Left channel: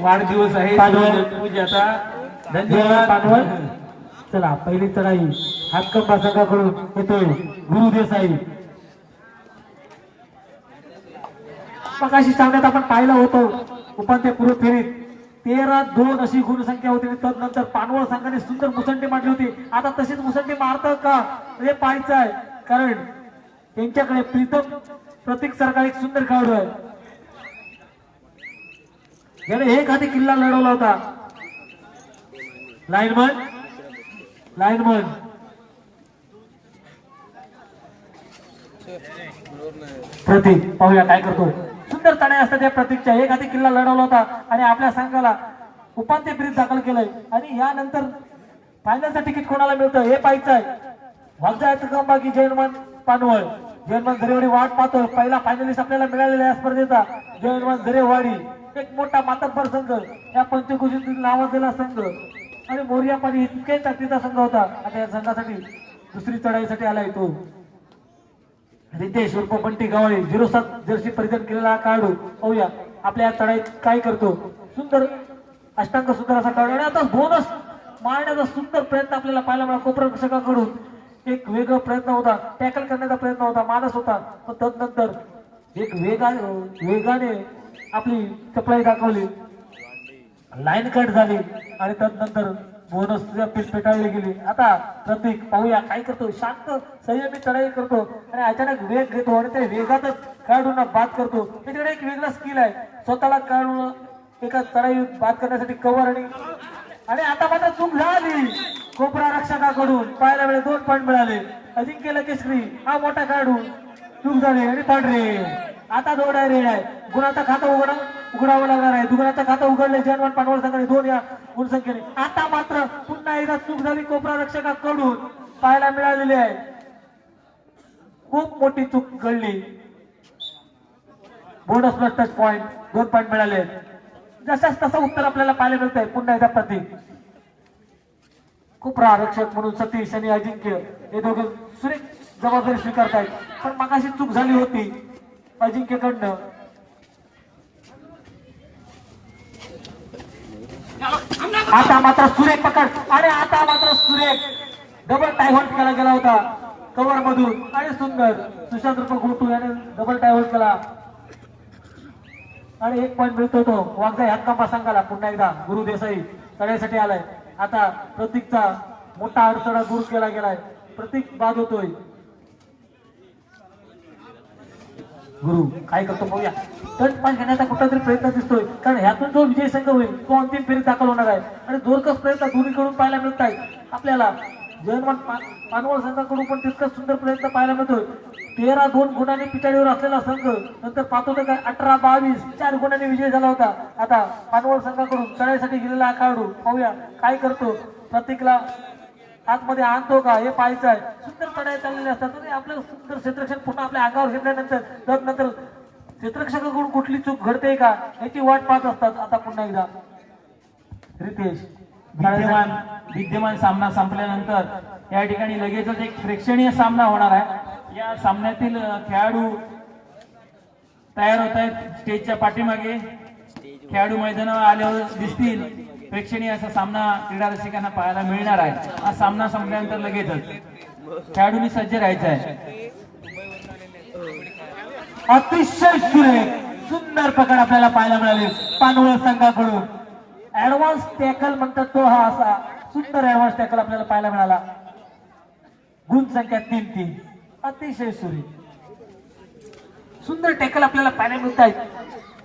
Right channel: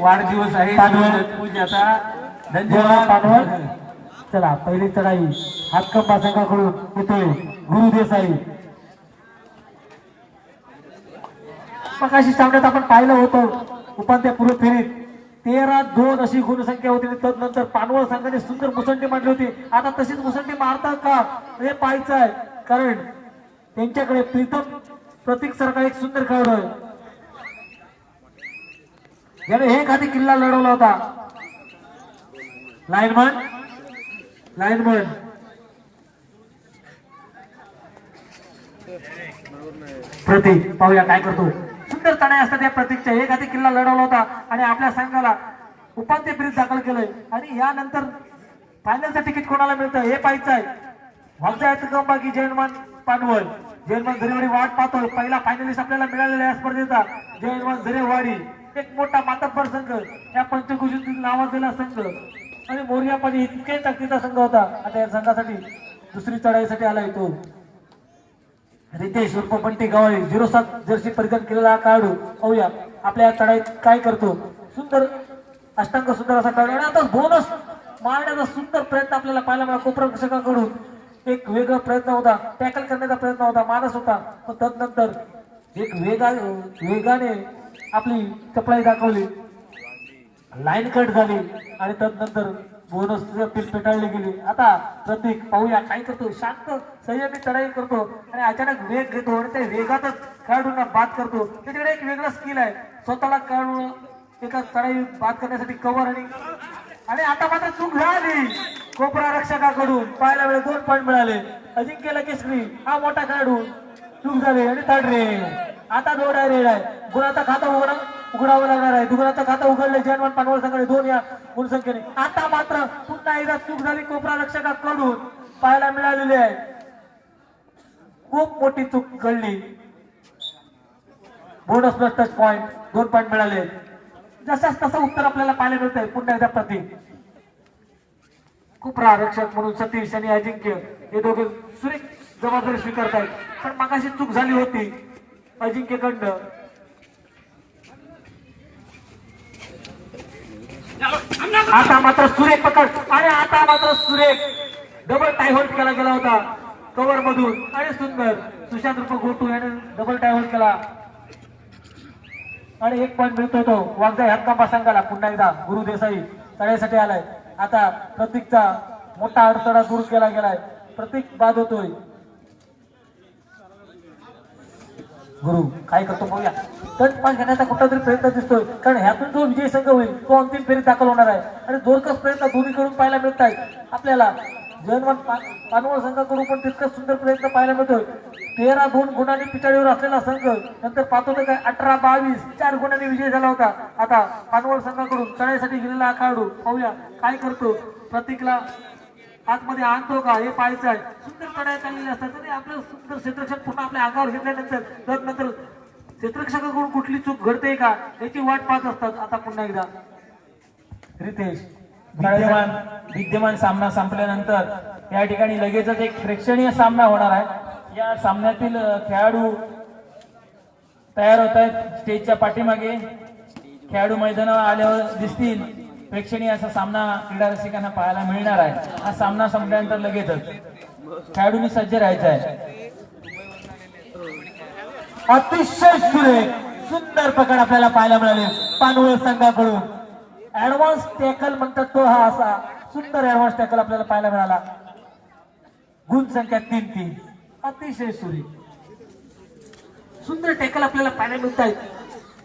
वाढदिवस आहे. पूजाचा धन्यवाद. चला पहिली चढाई हातकंबा संघाकडून येतोय गुरु देसाई मगाशी सामन्यात आपण पाहिलं होतं उपांत्यपूर्व फेरीत तेरा दोन अशी गुणसंख्या होती आणि तदनंतर पानवळ संघाने सुंदर मुसंडी मांडली होती. आता तशीच मुसंडी मारतात का? हे पाहायचं आहे कारण त्यांच्याकडे प्रीतम प्रतीक सारखा एक सुंदर खेळाडू आहे. ज्याने हे हाती किल्ला लढवला होता. लाईनमन लाईनमन प्रतीक पाहूया काय करतो. सुंदर तणाई असतात या प्रतीकच्या. हे हाती किल्ला लढवला होता आणि आपल्या संघाला उपांत्य फेरीत दाखल केलंय. आणि यानंतर फायनलचं तिकीट कोणाला मिळतं हे पाहायचं आहे वागजायचं काम बाकी पानवळ जयनमान झरेवाडी वाट पाहतो पहिला फायनलिस्ट आपल्याला मिळालेला या स्पर्धेचा. जयनमान झरेवाडी एक मोठा मातब्बर संघ. या पंचकृषीतील नावाजलेला संघ. आणि मोर्यामध्ये इतके ताकदीचा संघ होता. आता या संघासाठी दुसरी चढाईसाठी आला तो. रितेश उर्फ बंटी गवळी. झिरो सात जर्सी परिधान केलेला हा खेळाडू. पाहूया आपल्या चढाईत काय करतो. सुंदर अष्टांग सुंदर असा खेळाडू. आणि आता बोनस मारण्याचा सुंदर प्रयत्न आपल्याला पाहायला मिळाला. कोपरक्षकाकडून एक वेगळा प्रयत्न होता टॅकल करण्याचा प्रयत्न होता मानस होता. पण तदनंतर एक वेगा वेगाने आपली चपळाई दाखवली. लाईन कट झाली आणि तदनंतर बोनस पेटाळली गेली. आता प्रतीक पाहूया काय करतो. शांत संयमी चढाई करतो आणि अचानक वेग घेतो आणि त्या वेगातच खेळाडूंना बाद करतो. त्याच्याकडे एक वेगळा स्किल आहे. स्वतःला खेळाडू एका चढाई बाद करण्यासाठी कव्हर आणि आणि आता मात्र चूक झाली. कोपरा रक्षकाकडून पाहायला वेळेला दोन पॉईंट मिळाले. अजिंक्य लकेश्री हा मोठा खेळाडू. चूक झाले आणि थर्ड रेड आता दोन आहे रेड आहे. गुणाचा खाता उघडा उघडावं लागणार आहे. दुगुणाचं खातं उघडले जनवन पानवळ संघाने दोन या गुणसंख्येने. आता मात्र पुन्हा एकदा चूक झाली कोपरा रक्षकाकडून. पाहायला मिळालेली आहे. खूप मोठी चूक घडली. बोनस प्लस टच पॉईंट दोन पॉईंट मिळाले. जशाच तसं उत्तर आपल्याला पाहायला आहे पुन्हा एकदा प्रतीक. खूप रक्षक म्हणून सतीश आणि अजिंक्य हे दोघे सुरेख जबाबदारी स्वीकारतायत. पण मगाशी चूक झाली होती अजिंक्यकडनं. आता मात्र सुरेख पकड. आणि आता मात्र सुरेख. डबल टायहोल्ड केला गेला होता. कव्हर मधून. आणि सुंदर. सुशांत रूप गोटू याने डबल टायहोल्ड केला. आणि एक पॉईंट मिळतो तो. वागजा हक्कांबा संघाला पुन्हा एकदा गुरु देसाई तळ्यासाठी आलाय. आता प्रतीकचा मोठा अडथळा दूर केला गेलाय. प्रतीक बाद होतोय. गुरु काय करतो बघूया टच पॉईंट घेण्याचा कुठलातरी प्रयत्न दिसतोय. कारण ह्यातून जो विजय संघ होईल तो अंतिम फेरीत दाखल होणार आहे. आणि जोरकस प्रयत्न दोन्हीकडून पाहायला मिळत आहेत आपल्याला जयनवन पानवळ संघाकडून पण तितकाच सुंदर प्रयत्न पाहायला मिळतोय. तेरा दोन गुणांनी पिछाडीवर असलेला संघ नंतर पाहतो तर काय अठरा बावीस चार गुणांनी विजय झाला होता. आता पानवळ संघाकडून चढाईसाठी गेलेला खेळाडू पाहूया काय करतो. प्रतीकला आतमध्ये आणतो का? हे पाहायचं आहे. सुंदर चढाई चाललेली असतात. आणि आपलं सुंदर क्षेत्रक्षण पुन्हा आपल्या अंगावर घेतल्यानंतर तदनंतर क्षेत्रक्षकाकडून कुठली चूक घडते का? याची वाट पाहत असतात. आता पुन्हा एकदा. रितेश. विद्यमान विद्यमान सामना संपल्यानंतर या ठिकाणी लगेचच एक प्रेक्षणीय सामना होणार आहे. या सामन्यातील खेळाडू तयार होत आहेत स्टेजच्या पाठीमागे. खेळाडू मैदानावर आल्यावर दिसतील. प्रेक्षणीय असा सामना क्रीडा रसिकांना पाहायला मिळणार आहे. हा सामना संपल्यानंतर लगेचच खेळाडूंनी सज्ज राहायचं आहे. अतिशय सुरेख सुंदर पकड आपल्याला पाहायला मिळाले. पानवळ संघाकडून. ऍडव्हान्स टॅकल म्हणतात तो हा असा. सुंदर ऍडव्हान्स टॅकल आपल्याला पाहायला मिळाला. गुण संख्या तीन तीन. अतिशय सुरी. सुंदर टॅकल आपल्याला पाहायला मिळत आहेत.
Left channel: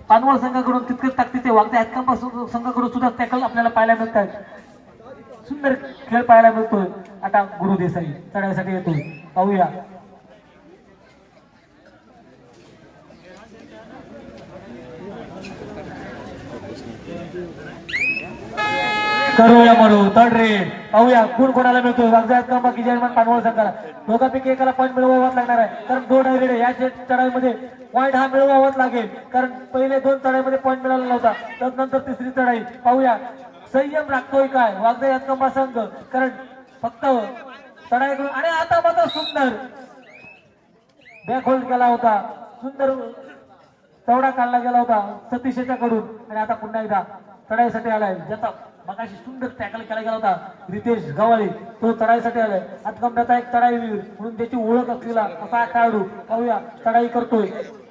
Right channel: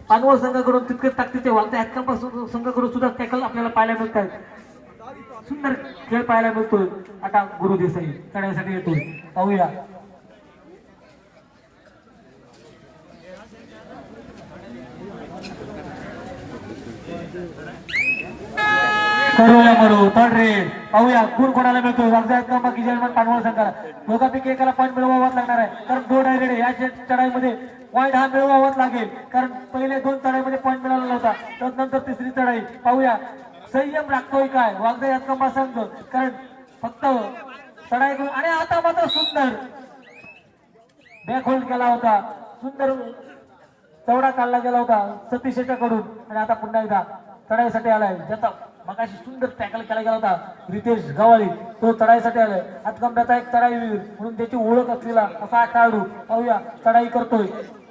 पानवळ संघाकडून तितकंच ताकदीचे वागते हॅकंपासून संघाकडून सुद्धा टॅकल आपल्याला पाहायला मिळत आहेत. सुंदर खेळ पाहायला मिळतोय. आता गुरु देसाई चढण्यासाठी येतोय. पाहूया. करूया म्हणू तड रे. पाहूया. कोण कोणाला मिळतो वागजात का बाकी जयमान पानवळ संघाला दोघांपैकी एकाला पॉईंट मिळवावाच लागणार आहे. कारण दोन आहे या चढाईमध्ये पॉईंट हा मिळवावाच लागेल. कारण पहिले दोन चढाईमध्ये पॉईंट मिळाला नव्हता. त्यानंतर तिसरी चढाई. पाहूया. संयम राखतोय काय? वागजा यातकंबा संघ. कारण फक्त चढाई करून आणि आता मात्र सुंदर. बॅक होल्ड केला होता. सुंदर चौडा काढला गेला होता. सतीशच्या कडून आणि आता पुन्हा एकदा चढाईसाठी आलाय. ज्याचा मगाशी सुंदर टॅकल केला गेला होता. रितेश गवाळी तो चढाईसाठी आलाय. हातकंब्याचा एक चढाईवीर म्हणून त्याची ओळख असलेला कसा खेळाडू? पाहूया. चढाई करतोय.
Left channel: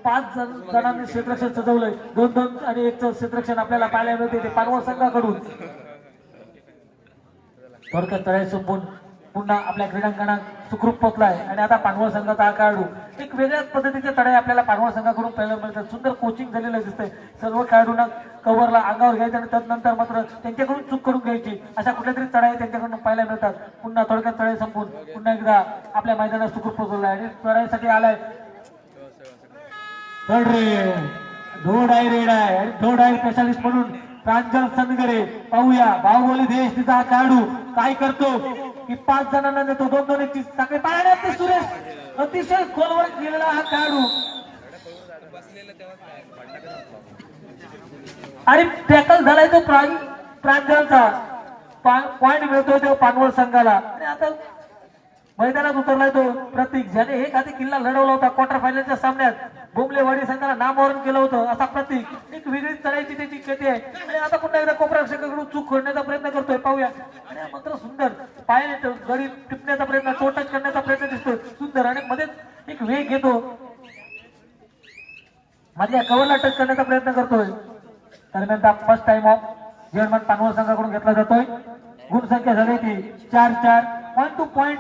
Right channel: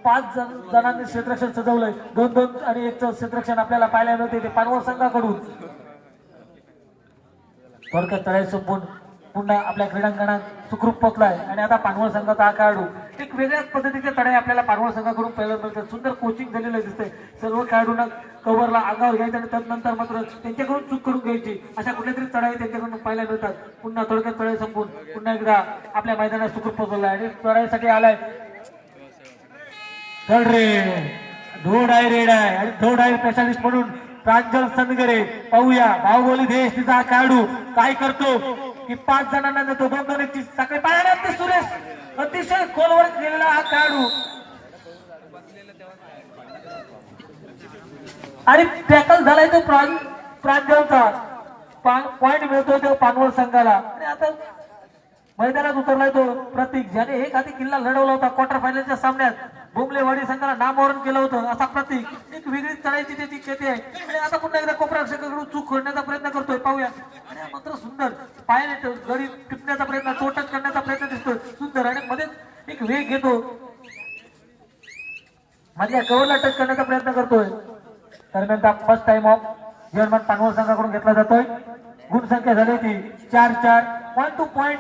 पाच जण जणांनी क्षेत्रक्षण सजवलंय. दोन दोन आणि एक क्षेत्रक्षण आपल्याला पाहायला मिळते ते पानवळ संघाकडून. थोडक्यात चढाई संपून पुन्हा आपल्या क्रीडांगणात सुखरूप पोहोचलाय. आणि आता पानवळ संघाचा हा खेळाडू एक वेगळ्याच पद्धतीचे चढाई आपल्याला पानवळ संघाकडून पाहायला मिळतात. सुंदर कोचिंग झालेलं दिसतंय. सर्व खेळाडूंना कव्हरला अंगावर घ्यायचं आणि त्यानंतर मात्र त्यांच्याकडून चूक करून घ्यायची. अशा कुठल्या तरी चढाई त्यांच्याकडून पाहायला मिळतात. पुन्हा थोडक्यात चढाई संपून पुन्हा एकदा आपल्या मैदानात सुखरूप पोहोचवलाय आणि चढाईसाठी आलाय. धोड आहे रेड आहे. आणि धोड आहे स्पेशालिस्ट म्हणून प्रांजल सनगरे. पाहूया. बाहुबली देश तिचा खेळाडू काय करतो? की पाच जणांना जातो दोन दोन एक साखळे पाहिला ते सुरेश. अतिशय खोलवर गेलेला हा खेळाडू. आणि टॅकल झालाय तो प्रां प्रांजलचा पॉइंट मिळतोय तो पानवळ संघाला. आणि आता मैदानात उतरलाय तो. प्रतीक ज्याने एक आधी किल्ला लढवला होता क्वार्टर फायनलच्या सामन्यात. बुमलेवाडी संघाला नामोहरण केलं होतं. असा प्रतीक. एक वेगळी चढायची त्याची खेती आहे. आणि आता पुन्हा एकदा कोपराक्षकाकडून चूक खोडण्याचा प्रयत्न करतोय. पाहूया. आणि हा मात्र सुंदर. पायाने गरीब गडी टिपण्याचा प्रयत्न चोटच टच करण्याचा प्रयत्न दिसतोय. सुंदर. आणि मध्ये एक वेग घेतो मधल्या कवरला टच करण्याचा प्रयत्न करतोय. दरम्यान फर्स्ट टाइम ऑफ जर्मन पानवळ संघाकडून घेतला जातोय. गुण संख्या झाली ती चार चार. पॉईंट टू पॉईंट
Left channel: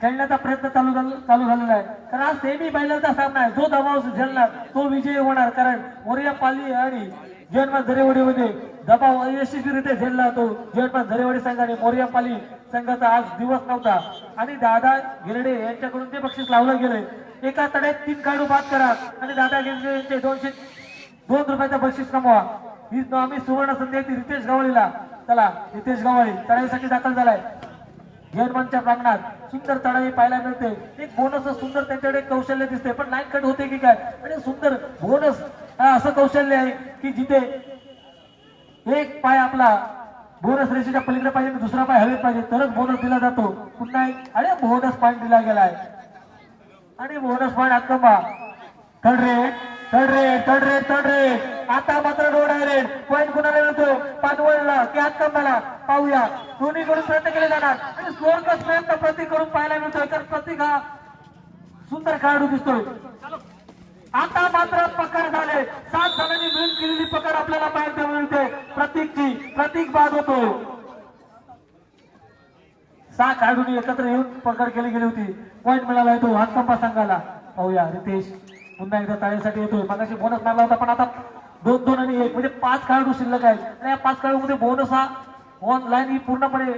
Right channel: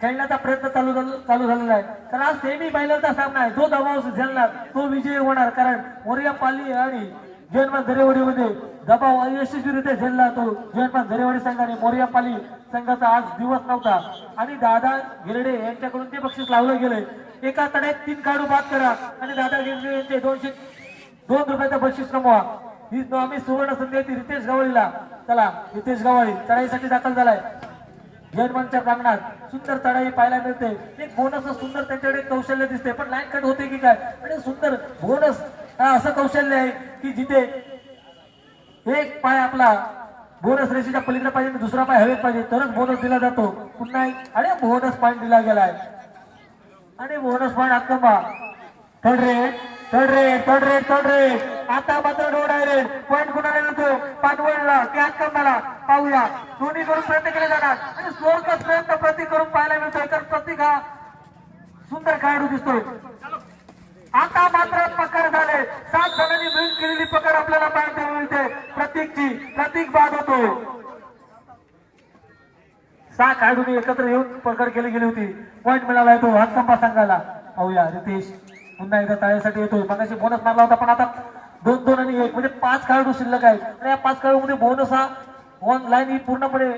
खेळण्याचा प्रयत्न चालू झाला- चालू झालेला आहे. तर आज सेमी फायनलचा सामना आहे. जो दबाव झेलणार तो विजयी होणार. कारण मोरिया पाली आणि जयनमान झरेवाडीमध्ये दबाव अयशस्वीरित्या झेलला तो जयनमान झरेवाडी संघाने मोरिया पाली संघाचा आज दिवस नव्हता. आणि दादा गिरडे यांच्याकडून ते बक्षीस लावलं गेले एका तड्यात तीन काढू बाद करा. आणि दादा गिरडे यांचे दोनशे दोन रुपयाचा बक्षीस कमवा. ही आम्ही सुवर्ण संधी ती रितेश गवळीला. चला रितेश गवळी चढाईसाठी दाखल झालाय. जर्मनच्या प्रांगणात सुंदर चढाई पाहायला मिळते. एक बोनस सुंदर त्यांच्याकडे कौशल्य दिसते. पण लाईन कट होते की काय? आणि सुंदर बोनस असं कौशल्य आहे की जिथे एक पाय आपला बोनस रेषेच्या पलीकडे पाहिजे दुसरा पाय हवेत पाहिजे. तरच बोनस दिला जातो. पुन्हा एक आणि बोनस पॉईंट दिला गेलाय. आणि बोनस पॉईंट अक्कंबा थर्ड रेट तडरे तडरे तडरे. आता मात्र डोड आहे पॉईंट कुणाला मिळतो? पानवडला. की अक्कंबाला पाहूया. दोन्ही करून प्रयत्न केले जाणार. आणि स्लोरकस प्रयत्न प्रतीक करून पाहायला मिळतोय. तर प्रतीक हा सुंदर खेळाडू दिसतोय. आता मात्र पकड झाले. सात जणांनी मिळून केलेली पकड आपल्याला पाहायला मिळते. प्रतीकची. प्रतीक बाद होतोय सहा खेळाडूंनी एकत्र येऊन पकड केली गेली होती. पॉईंट मिळाला तो. हक्कंबा सांगायला पाहूया. रितेश. पुन्हा एकदा तळ्यासाठी येतोय. मगाशी बोनस मारला होता पण आता दोन दोन आणि एक म्हणजे पाच खेळाडू शिल्लक आहेत. या पाच खेळाडूमध्ये बोनस हा ऑनलाईन ही पूर्णपणे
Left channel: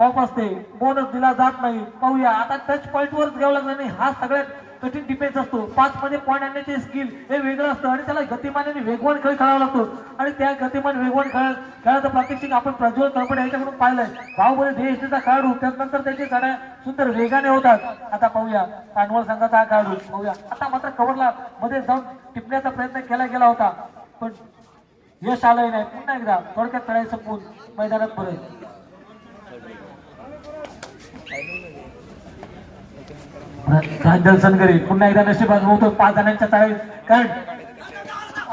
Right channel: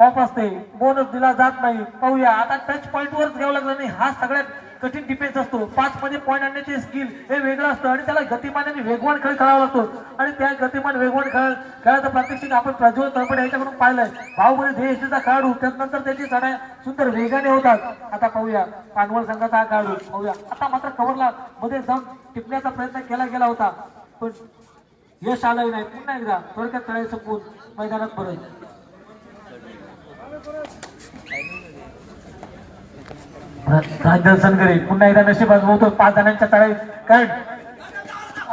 ऑफ असते. बोनस दिला जात नाही. पाहूया. आता टच पॉईंट वर घ्यावं लागलं नाही हा सगळ्यात कठीण डिफेन्स असतो. पाच मध्ये पॉईंट आणण्याचे स्किल हे वेगळं असतं आणि त्याला गतिमान आणि वेगवान खेळ खेळावा लागतो. आणि त्या गतिमान वेगवान खेळ खेळाचं प्रात्यक्षिक आपण प्रज्वल तरपडे यांच्याकडून पाहिलंय. बाहुबली देशचा खेळाडू त्यानंतर त्याची चढाई सुंदर वेगाने होतात. आता पाहूया. पानवळ संघाचा हा खेळाडू पाहूया. आता मात्र कव्हरला मध्ये जाऊन टिपण्याचा प्रयत्न केला गेला होता. पण यश आलंही नाही. पुन्हा एकदा थोडक्यात चढाई संपून मैदानात परत. राजन सनगरे पुन्हा एकदा नशीब होतो पाच जणांच्या तळाई कारण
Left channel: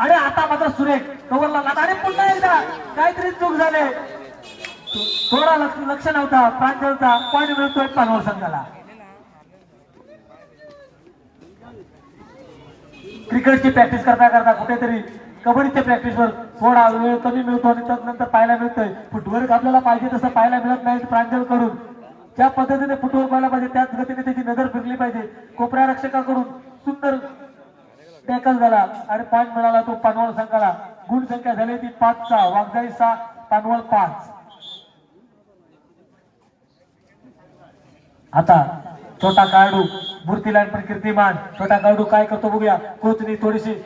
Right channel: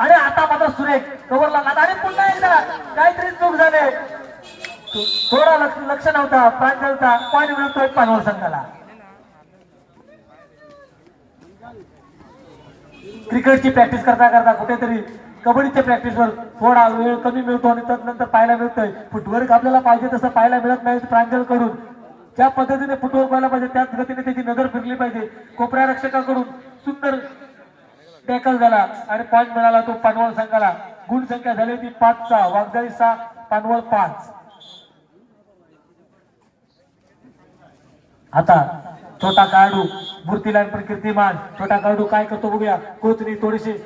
अरे आता मात्र सुरेख कवरला लागला. अरे पुन्हा एकदा. काहीतरी चूक झाले. थोडा लक्ष लक्ष नव्हता होता पॉईंट मिळतोय पानवर संघाला. क्रिकेटची प्रॅक्टिस करता करता कुठेतरी कबड्डीच्या प्रॅक्टिसवर थोडा वेळ कमी मिळतो आणि त्यानंतर पाहायला मिळतोय. फुटवर्क आपल्याला पाहिजे तसं पाहायला मिळत नाही. प्रांजलकडून ज्या पद्धतीने फुटवर्क व्हायला पाहिजे त्याच गतीने त्याची नजर फिरली पाहिजे. कोपऱ्या रक्षकाकडून सुंदर टॅकल झाला आणि पॉईंट मिळाला तो पानवळ संघाला. गुण संख्या झाली ती पाच सहा वाघजाई सहा पानवळ पाच. आता छोटा कार्डू मूर्ती लाईन पण कीर्तिमान. छोटा काळडू काय करतो बघूया. कोचनी थोडीशी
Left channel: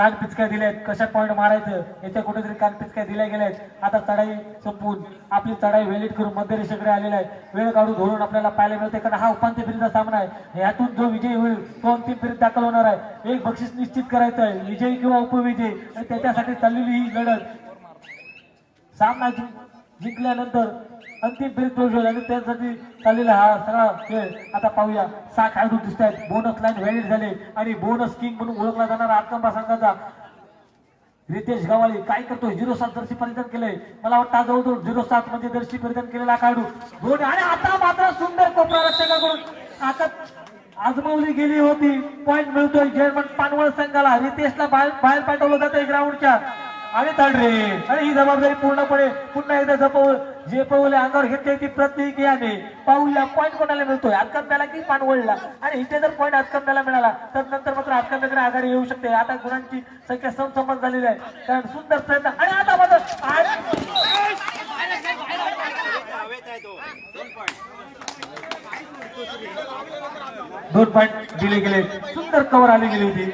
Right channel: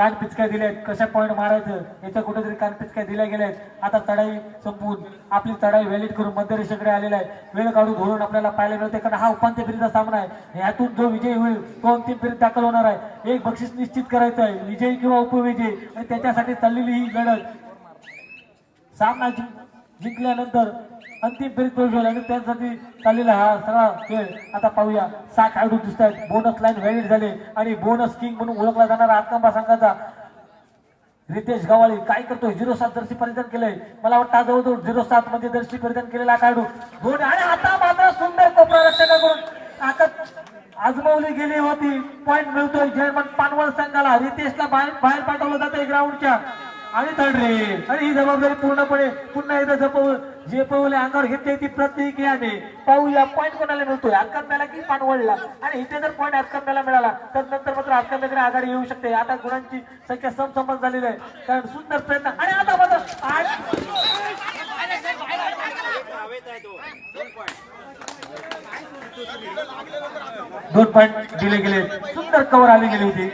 कान पिचक्या दिल्यात कशा पॉईंट मारायचं? याच्या कुठेतरी कान पिचक्या दिल्या गेल्यात. आता चढाई संपून आपली चढाई व्हॅलिड करून मध्यरेषेकडे आलेला आहे. वेळ काढून धोरण आपल्याला पाहायला मिळते कारण हा उपांत्य फेरीचा सामना आहे. यातून जो विजयी होईल तो अंतिम फेरीत दाखल होणार आहे. एक बक्षीस निश्चित करायचं आहे. विजयी किंवा उपविजयी. आणि त्याच्यासाठी चाललेली ही लढत सामना जिंकल्यानंतर अंतिम फेरीत प्रवेश होईल आणि त्यासाठी चाललेला हा सगळा खेळ आता पाहूया. सहा खेळाडू दिसत आहेत. बोनस लाईन व्हॅलिड झाले आणि बोनस किंग म्हणून ओळखला जाणारा आत्मांबा संघाचा रितेश गवाळी काय करतोय? झिरो सात जर्सी परिधान केलंय. मला वाटतं हा जवळजवळ झिरो सात मध्ये जर्सी परिधान केलेला खेळाडू दोन आणि आता मात्र सुंदर कोपरा रक्षकाकडून आता आजमावली गेली होती. पॉइंट मिळतोय. जर्मन पानवळ संघाला. रितेशला बाहेर बाहेर पाठवलं जातंय ग्राउंडच्या आणि थर्ड आणि ही जबाबदारी पूर्णपणे पुन्हा एकदा जपव जे पवले अंगावर घेतले ती प्रत्येक याने पाहूया पॉईंट कोणाला मिळतोय? आत्कांब्याला की पानवळला आणि इथे जर पॉईंट आत्कांब्याला मिळाला तर नंतर मात्र आत्कांब्याकडे आघाडी येऊ शकते. आता गुणांची संख्या समसमत झालेली आहे. कारण सुंदर प्रयत्न आणि आता मात्र दोन पॉईंट दिले गेले. सुंदर कवर आली गेली होती.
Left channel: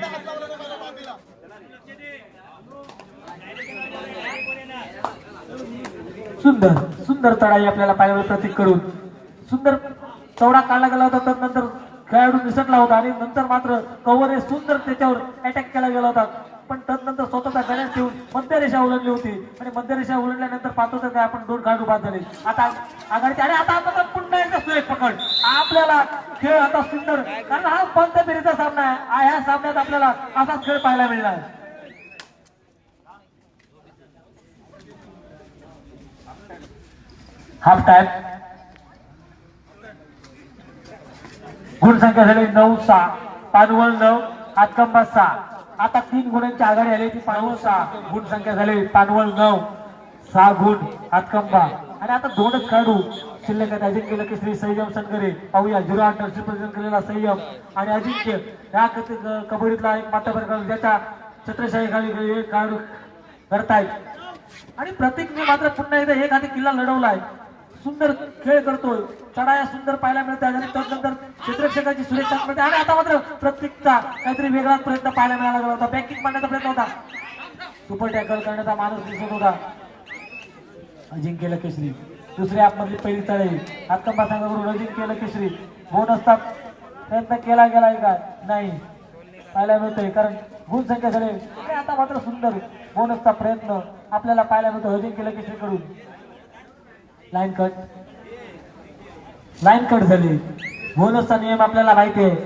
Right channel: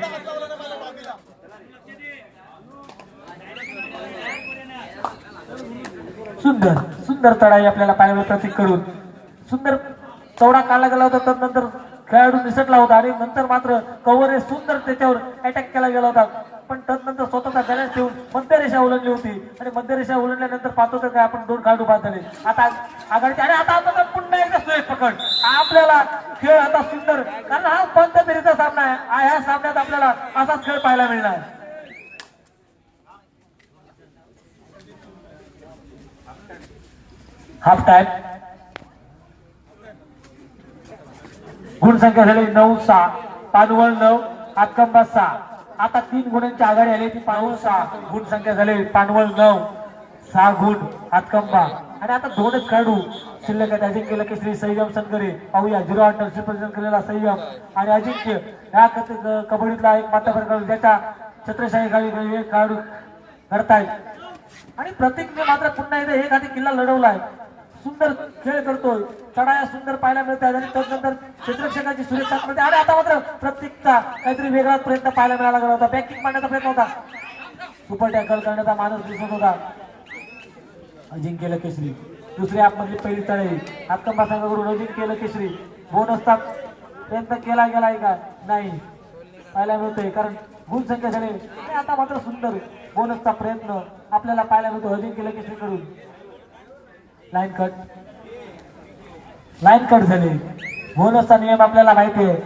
सुंदर सुंदर चढाई आपल्याला पायावर प्रतीक करून सुंदर चौडा काढला गेला होता तर नंतर खेळाडू निसटला होता आणि नंतर मात्र कव्हरने सुंदर त्याच्यावर अटॅक केला गेला होता. पण तदनंतर स्वतःचा गणेश ठेवून मध्यरेषा उलटली होती. आणि मध्यरेषा उलटल्यानंतर पाहतो तर आपण दोन खेळाडू बाद झाले. आता आघाडीचे आणि आता आपण पुन्हा एकदा सुरेख पकड. आपल्याला खेळ आता सुंदर कारण हा पंत फेरीचा सामना आहे. ह्या सामन्यात आपल्याला असाच खेळ पाहायला मिळणार. हाफ टाइम गुणसंख्या झाली नऊ सहा. पानवल नऊ हातकंबा सहा. आता तीन गुणांची आघाडी आली ती पानवळ सहा. गुणसंख्या झाली पानवळ नऊ. सहा गुण हातकंबा. आणि आता दोनच काढू. शिल्लक आहेत अजिंक्य की श्री संयम सनकरे पाहूया झिरो अंडरशी रिप्रेझेंट केलेला संयम आणि अजिंक्य. या कबड्डीतला एक मात्र ज्याच्या छत्रशाही खाली हे खेळाडू आणि प्रतीकने मात्र पुन्हा एकदा एक हाती किल्ला लढवलाय. सुंदर खेळ करतोय चढाया सुंदर पाहायला मिळतात आणि त्यानंतर क्षेत्ररक्षकाची सुरक्षा मिळते. आणि आता मात्र प्रत्येकचा काहीतरी वेगळाच प्रयत्न पाहायला मिळाला गेला होता. बँकिंग मारण्याचा प्रयत्न होता. सुपर टॅकल करण्याचा माणूस दिसत होता. अजिंक्य केसरी दुसरी आपमधली पहिली तळी. हातकंबा संघाकडून अजिंक्य केसरी बोनसचा प्रयत्न केला गेलाय का? नाही. पाहायला मिळतोय. कारण गुण संख्या झाले. आता मात्र सुंदर बोनसचा प्रयत्न आपल्याला पाहायला मिळतो अजिंक्य केसरीकडून लाईन कट लाईन कट झाली. बोनसचा नियम आपल्याला माहिती आहे.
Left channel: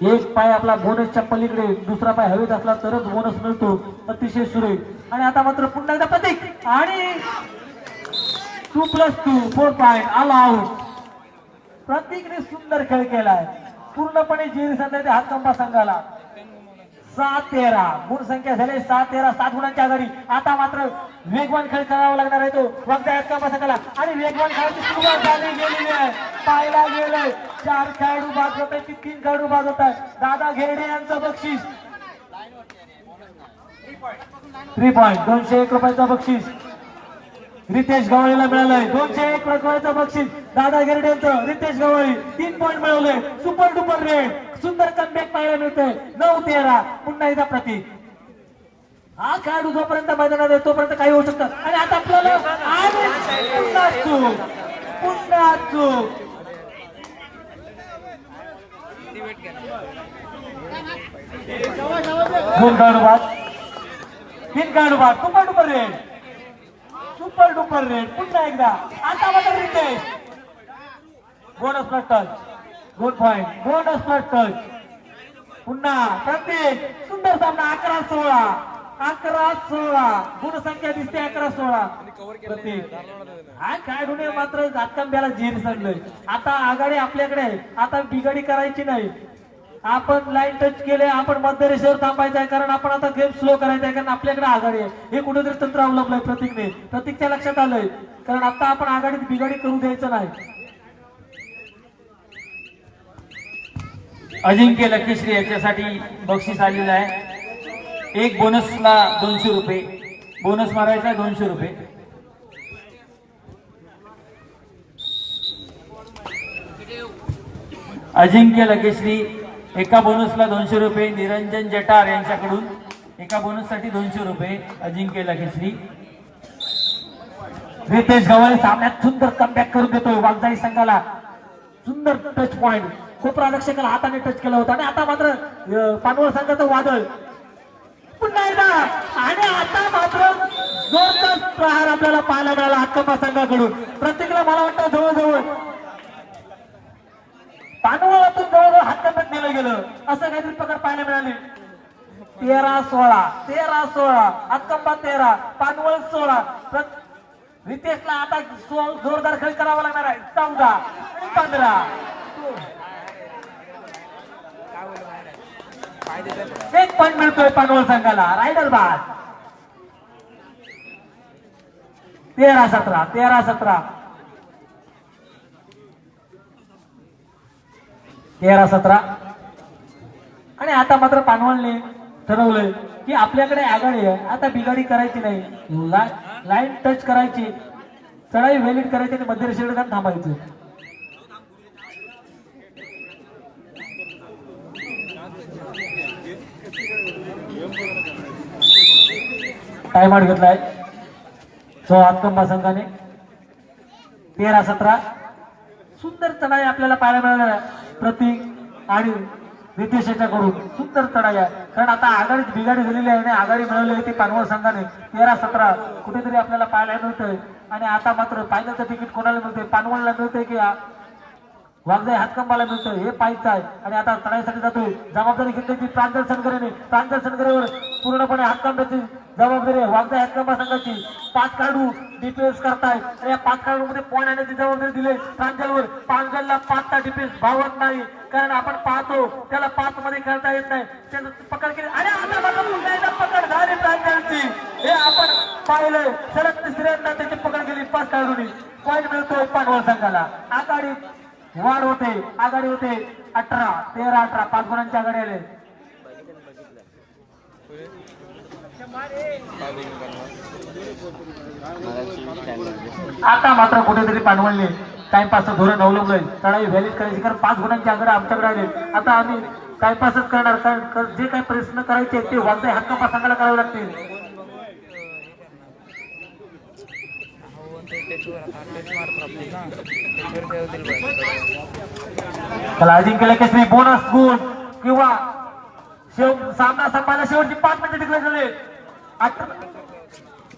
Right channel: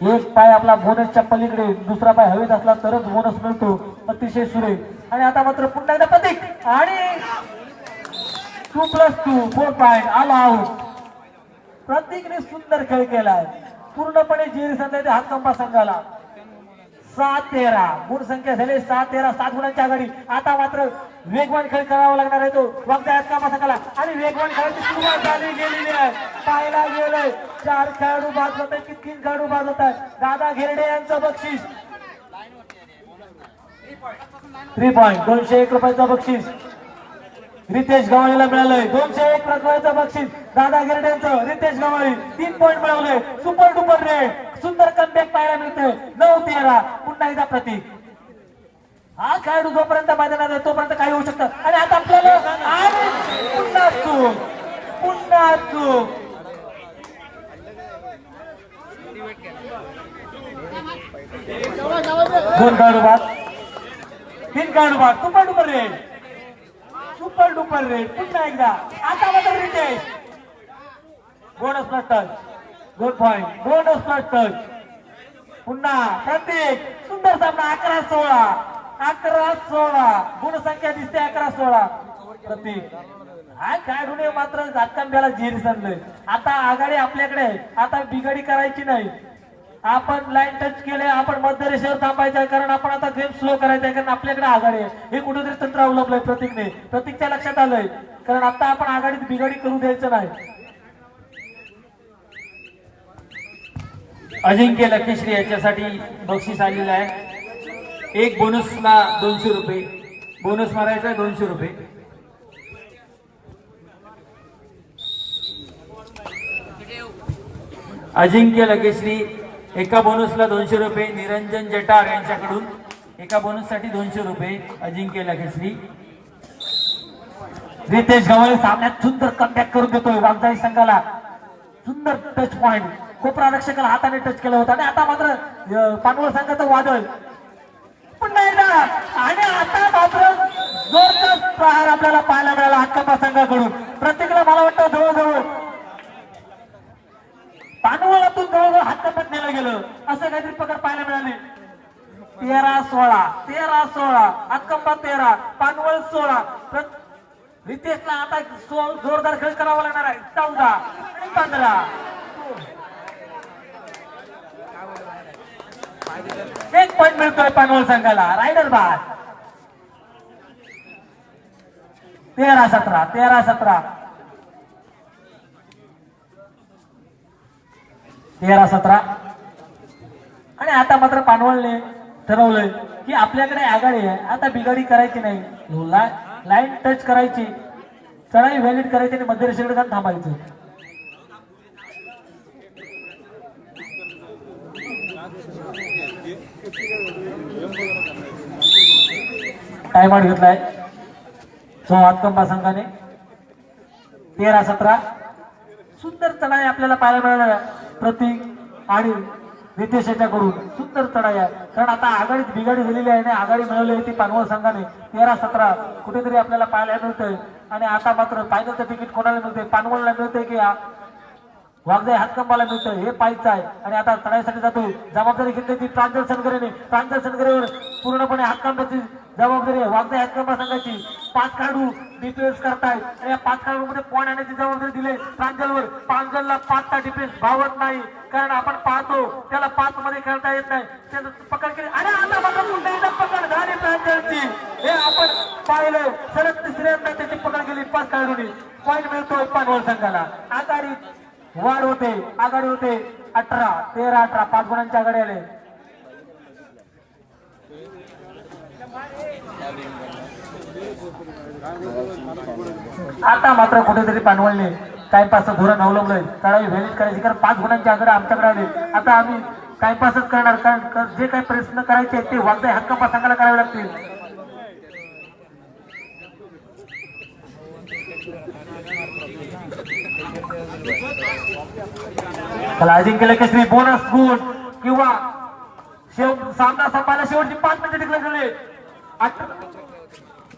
एक पाय आपला बोनसच्या पलीकडे दुसरा पाय हवेत असला तरच बोनस मिळतो. अतिशय सुरेख. आणि आता मात्र पुन्हा एकदा प्रतीक. आणि two plus two four point आला आऊट प्रतीकने सुंदर खेळ केलाय. पूर्णपणे जीर संघाच्या हातकंबा संघाला. सात तेरा. गुण संख्या झाली सात तेरा सात गुणांच्या आघाडी. आता मात्र वेगवान खेळ करावा लागणार आहे तो. वगदा हातकंबा संघाला आणि वेगवान खेळाची सुरुवात झाली गेलेली आहे. पाहायला गेलंय. चार खेळाडू बाद होत आहेत की तीन खेळाडू बाद होत आहेत. दादा घेरडे यांचं बक्षीस. थ्री पॉईंट दोनशे एक रुपयाचं बक्षीस. रितेश गवळीला मिळालंय. दोनशे एक रुपयाचं बक्षीस. दादा गिरड्यांचं रितेश गवळी. तीन पॉईंट मिळवले सुपर डुपर रेड सुंदर कमबॅक पाहायला मिळतोय. नऊ तेरा. पुन्हा एकदा प्रतीक. हा खेळाडू जोपर्यंत मैदानात आहे तोपर्यंत काही होऊ शकतं. आणि आता आपल्याला पुन्हा चूक. पुन्हा चूक. दोन खेळाडू बाद तीन खेळाडू बाद super duper raid. Super duper raid. पुन्हा एकदा. आता मात्र रितेश बोनस प्लस टच दोन पॉइंट बोनस प्लस टच पुन्हा प्रत्येक सुंदर सामना अकरा सोळा. अकरा सोळा. गुणसंख्या दिसते अकरा सोळा. काय हा खेळाडूने मात्र जातकांब्याला झीर सांगलंय आता आघाडी आपल्याकडे आहे. आता बिघाडी करायची नाही. आपण लाईन टच केले आपण मध्यरेषेवर थांबायचं आहे. कारण आपण आता गेम स्लो करायचा आहे. कारण आपल्याकडे आघाडी आहे. हे कुठेतरी तंत्र अवलंबलंय प्रतीकने. प्रतीकच्या लक्षात आलंय. कारण आता आपण आघाडीत बिघाडी करू द्यायचं नाही. अजिंक्य लकीश्री याच्यासाठी बक्षीस आलेलं आहे. एक बोनसला दोनशे रुपये. बोनस मारायचा दोनशे रुपये. अजिंक्य लगेश्री एका बोनसला दोनशे रुपये. निरंजन जटार यांच्याकडून एका बोनससाठी दोनशे रुपये अजिंक्य लगेश्री रितेश गवळे सामन्यात सुंदर कमबॅक करून देतोय वागजाई संघाला. सुंदर टच पॉइंट कोपरा रक्षकाला हाताने टच केलं होतं. आणि आता मात्र पानवळ संघाचं वादळ. पुन्हा एकदा आणि आता मात्र जोरदार प्रहार आपल्याला पाहायला मिळाला. हक्कपा संघाकडून प्रत्येकाला मला वाटतं जवळजवळ पानवळातून जवळजवळ हक्कपत नेलं गेलं. असं काहीतरी प्रकार पाहायला मिळाले. तेरा सोळा. तेरा सोळा. हक्कंबा तेरा. पानवळ सोळा. रितेशला आता जोरदार खेळ करावा लागणार आहे. चौदा. आणि पंधरा. एक पॉईंट मिळतोय पानवळ संघाला. रायडर बाद तेरा सतरा तेरा सतरा. तेरा सतरा. आणि आता मात्र पानवळने ठरवलंय की आपल्याकडे आघाडी आहे. आता बिघाडी करायची नाही. ला- लाईन टच करायची. चढाई व्हॅलिड करायची आणि मध्यरेषेकडे जाऊन थांबायचं. टाइम आउट घेतलाय. सो हातकंबा संघाने तेरा सतरा. सुंदर चढाई आपल्याला पाहायला मिळाला प्रतीक आणि नितेश याच्याकडून सुंदर चढाई आहे. कारण आता आघाडीत बिघाडी झालेली आहे आणि आघाडी मिळवली होती पानवळ संघाने. तेरा सतरा कुठेतरी आपल्याला पाहायला मिळतंय. आणि आता मात्र फायनलचं तिकीट कोणाला मिळतंय? पानवळला मिळतंय की आ- हातकंबाला मिळतो हे पाहायचं आहे. आणि आता चढाईसाठी जातोय. जबाबदारी घेतली ती प्रांजल सनगरेने. प्रांजल सनगरेवर पूर्णपणे हातकंबाची जबाबदारी आहे. वागजाई हातकंबा संघाची पाच काढू डिफेन्स करताय आणि या पाच काढू मध्ये पॉईंट आणण्याची जबाबदारी दिली? प्रांजलवर प्रांजलला पाचचा डिफेन्स भावत नाही. कारण आपण पाहतो त्याला पाच मध्ये खेळता येत नाही. त्यानं पकड केली. आणि आता मात्र पुन्हा एकदा पकड झाली प्रांजलची. हे आपण पाहिलं सलग तिसऱ्यांदा त्याची पकड केली पाच काढून. पॉईंट मिळतोय पानवळ संघाला आघाडी वाढ होते आघाडी होते. अठरा तेरा अठरा पाच गुणांची आघाडी आले. आता मात्र कुठेतरी पाणवळले टाइमपास धोरण अवलंबलंय. चढाई व्हॅलिड करायची कारण पाच गुणांची आघाडी आमच्याकडे आले. आता आम्ही टाइमपासच करणार कारण जे काही प्रयत्न करायचे ते वागदाय हक्का सांगायला करावे लागतील. त्याला अजिंक्य केसरी बोनस गुण किंवा शेव सामना संपायला शेवटची पाच मिनिटं टिकले झाले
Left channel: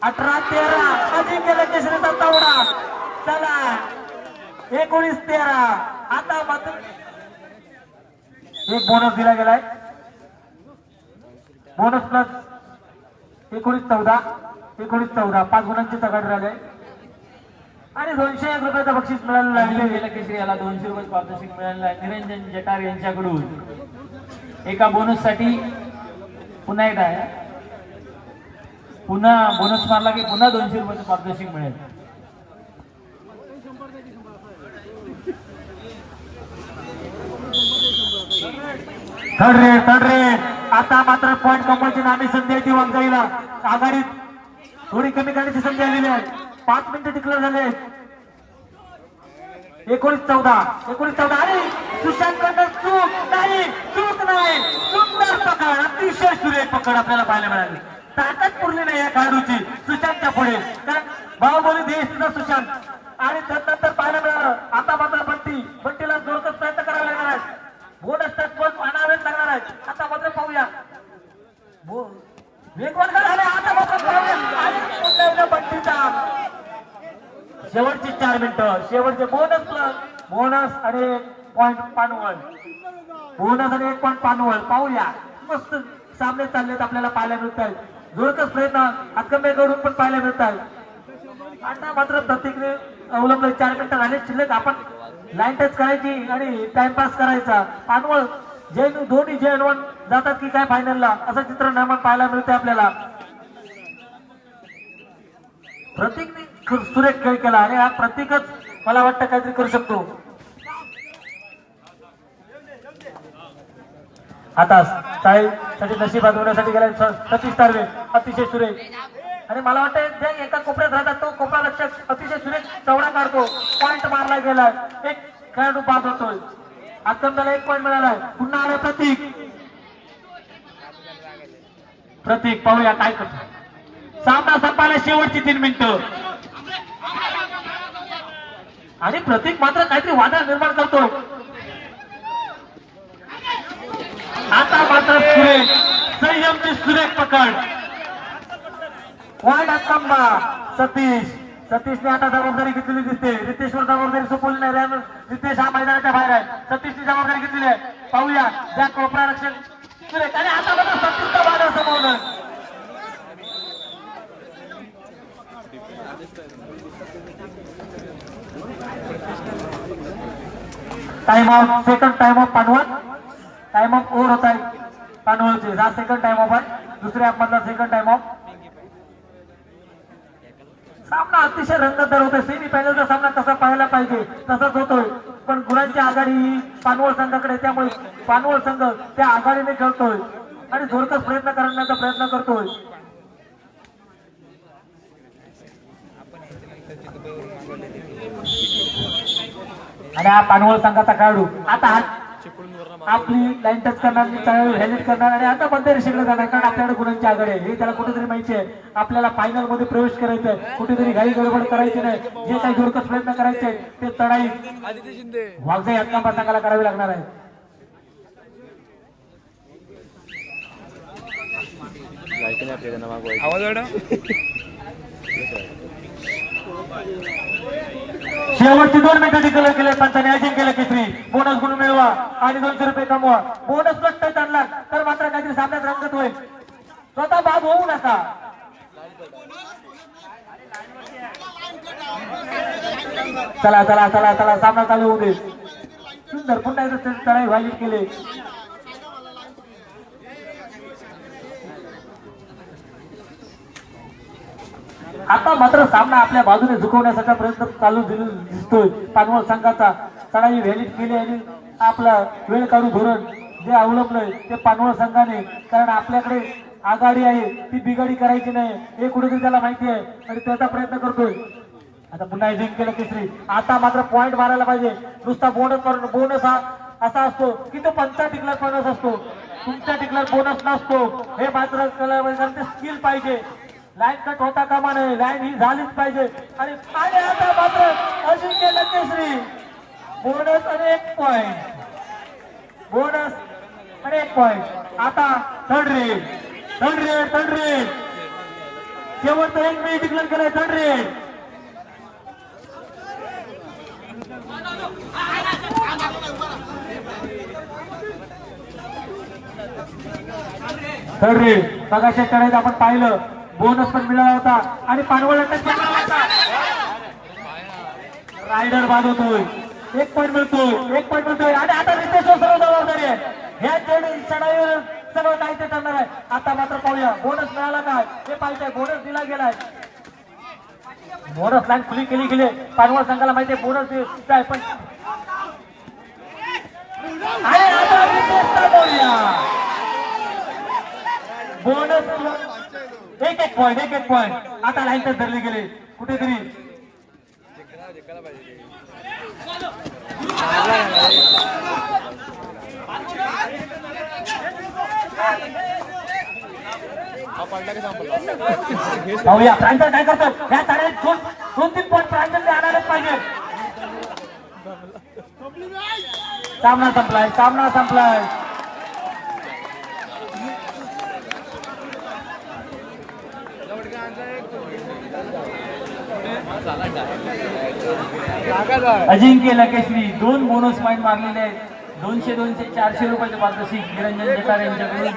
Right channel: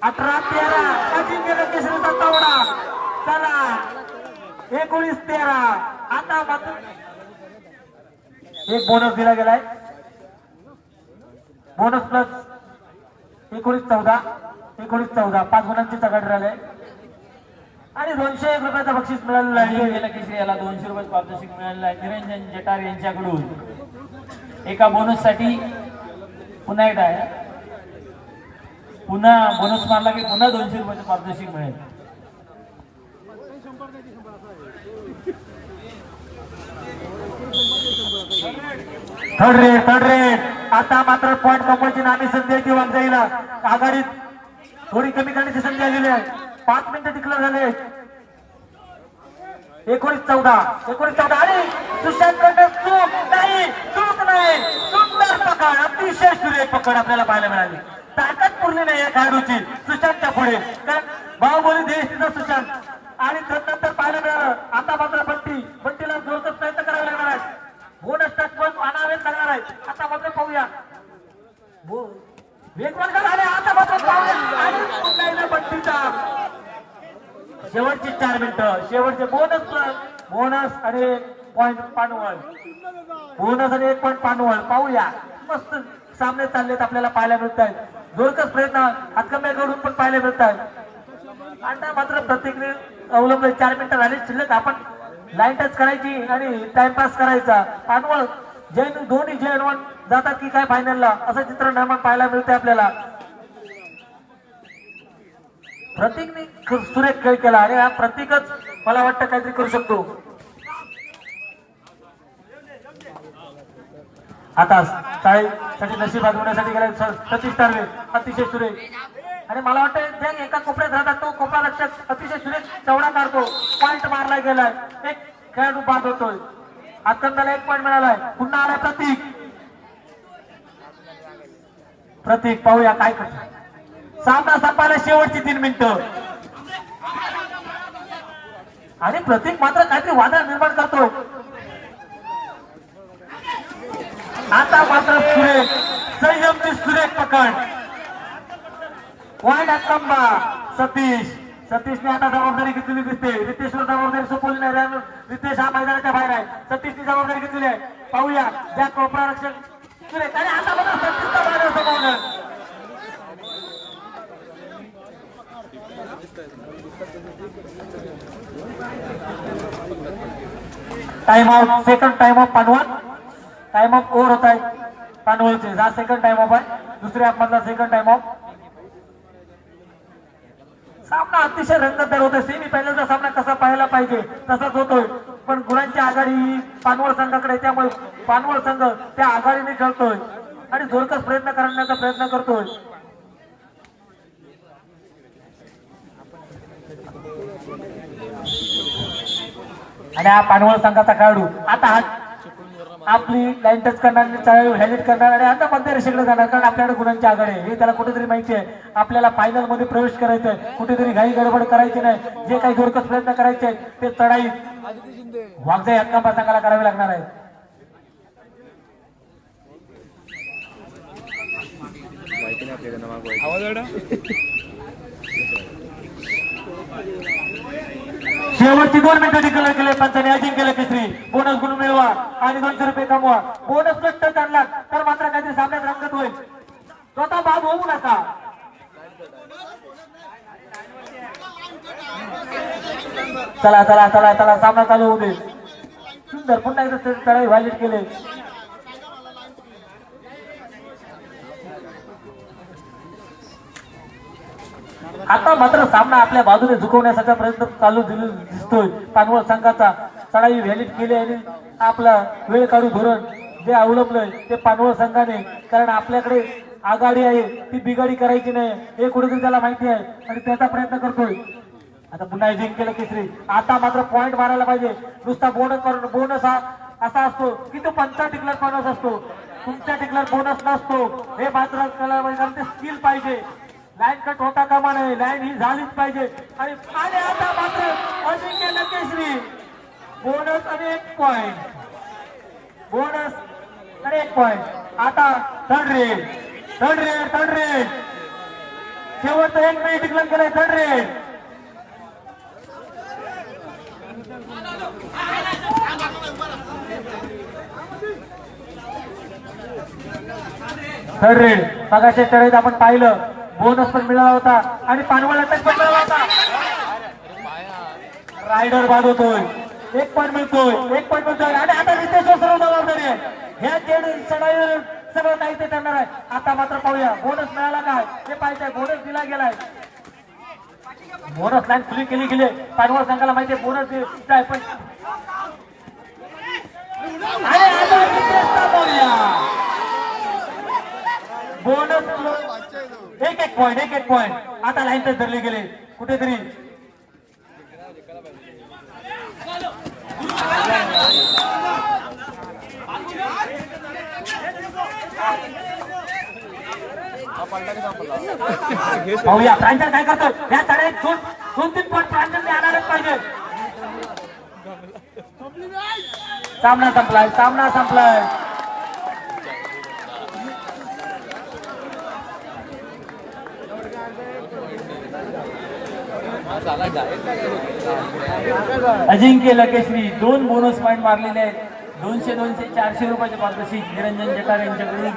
अठरा तेरा. अजिंक्य केसरीचा तावडा चला. एकोणीस तेरा. आता मात्र एक बोनस दिला गेलाय. बोनस प्लस एकोणीस चौदा. एकोणीस चौदा. पाच गुणांची तगाड आहे आणि दोनशे एक रुपयाचं बक्षीस मिळालेलं आहे. गेला केसरी याला दोनशे रुपये पारितोषिक मिळालेलं आहे. निरंजन जटार यांच्याकडून. एका बोनससाठी पुन्हा एकदा आहे. पुन्हा बोनस मारला की पुन्हा दोनशे रुपयाचं पारितोषिक मिळेल. थर्ड रेड थर्ड रेड आता मात्र पॉईंट कमवायची नामी संधी आहे ती वांजाईला. आघाडीत थोडी कमी करण्याची संधी आलेली आहे. पाच मिनिटं टिकलं झाले. आहेत. एकोणीस चौदा एकोणीस चौदा आणि सुशांत चूक नाही चूक नाही. सुंदर पकड अतिशय सुरे पकड आपल्याला पाहायला मिळाली. ताकद पूर्ण नाही या खेळाडूची सुशांतच्या पुढे. कारण बाहुबली देश सुशांत. आणि त्यानंतर पाहायला मिळालं. आता मात्र बंटी बंटीला जोरदार प्रयत्न करावा लागणार आहे बोनस टच पण आणावेच लागणार आहे आता मात्र पाहूया. वेगवान झाले आता मात्र पाहूया आणि पुन्हा एकदा बंटीचा शेवटची चार मिनिटं. शेवटचे बोनस बोनस आणि एक पॉइंट पानवळ. बोनस आणि एक पॉइंट पानवळ. पाहूया. मस्त सामने चाललेत आपल्याला पाहायला मिळत आहेत. जोरकस प्रयत्न. अकमेकडून पण पाहायला मिळत आहेत. आता मात्र प्रत्येकने अवलंबले. चार मिनिटं झाले. शिल्लक आपण लाईन टच करायची आणि टाइमपास करायचा. पानवळ जैन दोन्ही जैन वन जातात की काय फायनलला असं चित्र निर्माण पाहायला मिळतंय आपल्याला. प्रतीक सुरेख खेळ केला. आणि हा प्रतीकच मला वाटतं काहीतरी करू शकतो. आता साठी नशीब आजवण्यासाठी गेला सतीश तारवे अतिशय सुरेख. आणि मला वाटतं जे एका कोपऱ्यात राहतात तो कोपरा लक्षात अतिशय सुरेख चवडा काढतो पॉईंट मारला गेलाय. एक खेळाडू बाद होतोय. आत्मदाला एक पॉईंट मिळालाय. पुन्हा आला प्रतीक. प्रतीक पाहूया काय करतो सामना संपायला शेवटची तीन मिनिटं. आणि प्रतीक मात्र काहीतरी वादळ निर्माण करतो. आता मात्र सुरेख संयमची सुरेख पकड. वाईट आत्तांबा सतीश. सतीशने आता जबाबदारी घेतलेली दिसते. रितेशवर जबाबदारी सोपवली नाही. रे- रितेश हा मैदानाच्या बाहेर आहे. सतीशने जबाबदारी घेतलेली आहे. पाहूया. ज्या कोपरा रक्षण सुरेख. आणि आता मात्र सतीशचा बाजार समोर time out second time off Panwal time off over होत आहे. पानवलचे हा सेकंड टाइम ऑफ आहे. दुसऱ्या मधला सेकंड टाइम ऑफ सामना अतिशय रंगतदार होतोय. सेमी फायनलचा सामना कसा पाहायला पाहिजे. तसाच होतोय. पण गुणांची आघाडी ही पानवळ संघाकडे त्यामुळे पानवळ संघ त्या आघाडीने खेळतोय आणि जोरदार प्रयत्न करण्याचा प्रयत्न करतोय. आणि हा पानवळ संघाचा खेळाडू. आता हा आपली लाईन टच करणार हेल्मेट करणार आणि आता पण रेषेकडे जाणार कारण आपल्याकडे गुणांची आघाडी आहे. हे त्याला कुठेतरी माहिती आहे. आपल्याला फायनलमध्ये प्रवेश करायचंय. कुठेतरी घाई गडबड करायची नाही. जे काही जोरकस प्रयत्न करायचे ते चढाई वागजा हक्का संघाला करावी लागणार आहे. शेवटची दोन मिनिटाची कलर केले पंचाने अजिंक्य केलं केसरी. बोनस गुण मिळवा आणि दोनशे रुपये कमवा. बोनस कष्ट चालला तर मात्र काहीतरी सामन्यात रंगत होईल. स्वतः बाद होऊ नका. चला चला चला चला सामना चालू होऊ दे. सुंदर पुन्हा एकदा व्हायलेट केले. आता मात्र सामना आपल्या बाजूने झुकवण्याचा प्रयत्न चालू दिसतोय. पानवळ संघाचा चढाई व्हॅलिड केली आणि आपला वेळ काढू धोरण जे अवलंबलंय ते पानवळ संघाने. कारण आपल्याकडे आघाडी आहे ती बिघाडी करायची नाही. हे कुठेतरी त्याला माहिती आहे आणि त्याचा प्रयत्न करतोय. आता पुन्हा जिंक केलं केसरी. आता मात्र पॉइंट मारायला पाहिजे. नुसता बोनस बोनस हा असा असतो की तो पंचा टिकलर बोनस असतो. तुमच्या टिकलर बोनस नसतो. हे मात्र कारण ते स्किल पाहिजे. लाईन कट होता कामा नये लाईन ही झालीच पाहिजे. आणि आणि आता मात्र अजिंक्य लकेश्री. बोनस आणि एक पॉइंट बोनस आणि एक पॉइंट आता third raid third raid third raid शेवटचा एक मी डिक्लेअर केलाय थर्ड रेड थर्ड रेड मगाच्या टळीत आपण पाहिलं. बोनस पण मिळाला होता. आणि पाणवळ टच घेतला होता. रायडर बाद होतोय. एक पॉईंट मिळतोय. एक पॉईंट मिळतोय. आणि आता रितेश सर्व जबाबदारी आहे. ह्या चढ- चढाईवर सगळं काही ते करणार आहे. आता मात्र पाहूया. बोनस मिळाला काय? हे पाहिजे बोनस दिला गेलाय. बोनस लाईन खुली केली गेली. पानवळ संघाला माहिती आहे बोनस काय आहे पण आणि आता रितेशचा पाहूया. बोनस एक एक पॉईंट एक एक पॉईंट आता लाईन तर धरली गेले. कुठेतरी. पाहूया प्रांजल काय करतो या तड्यात दोन दोन तीन पॉईंट प्रांजलने आणायलाच पाहिजे. सामना संपलाय सामना संपलाय. अजिंक्य लकेश्री दोन बोनस पॉईंट मारलेले आहेत. दोनशे दोनशे चारशे रुपयाचे पारदर्शिक निरंजन जकार यांच्याकडून.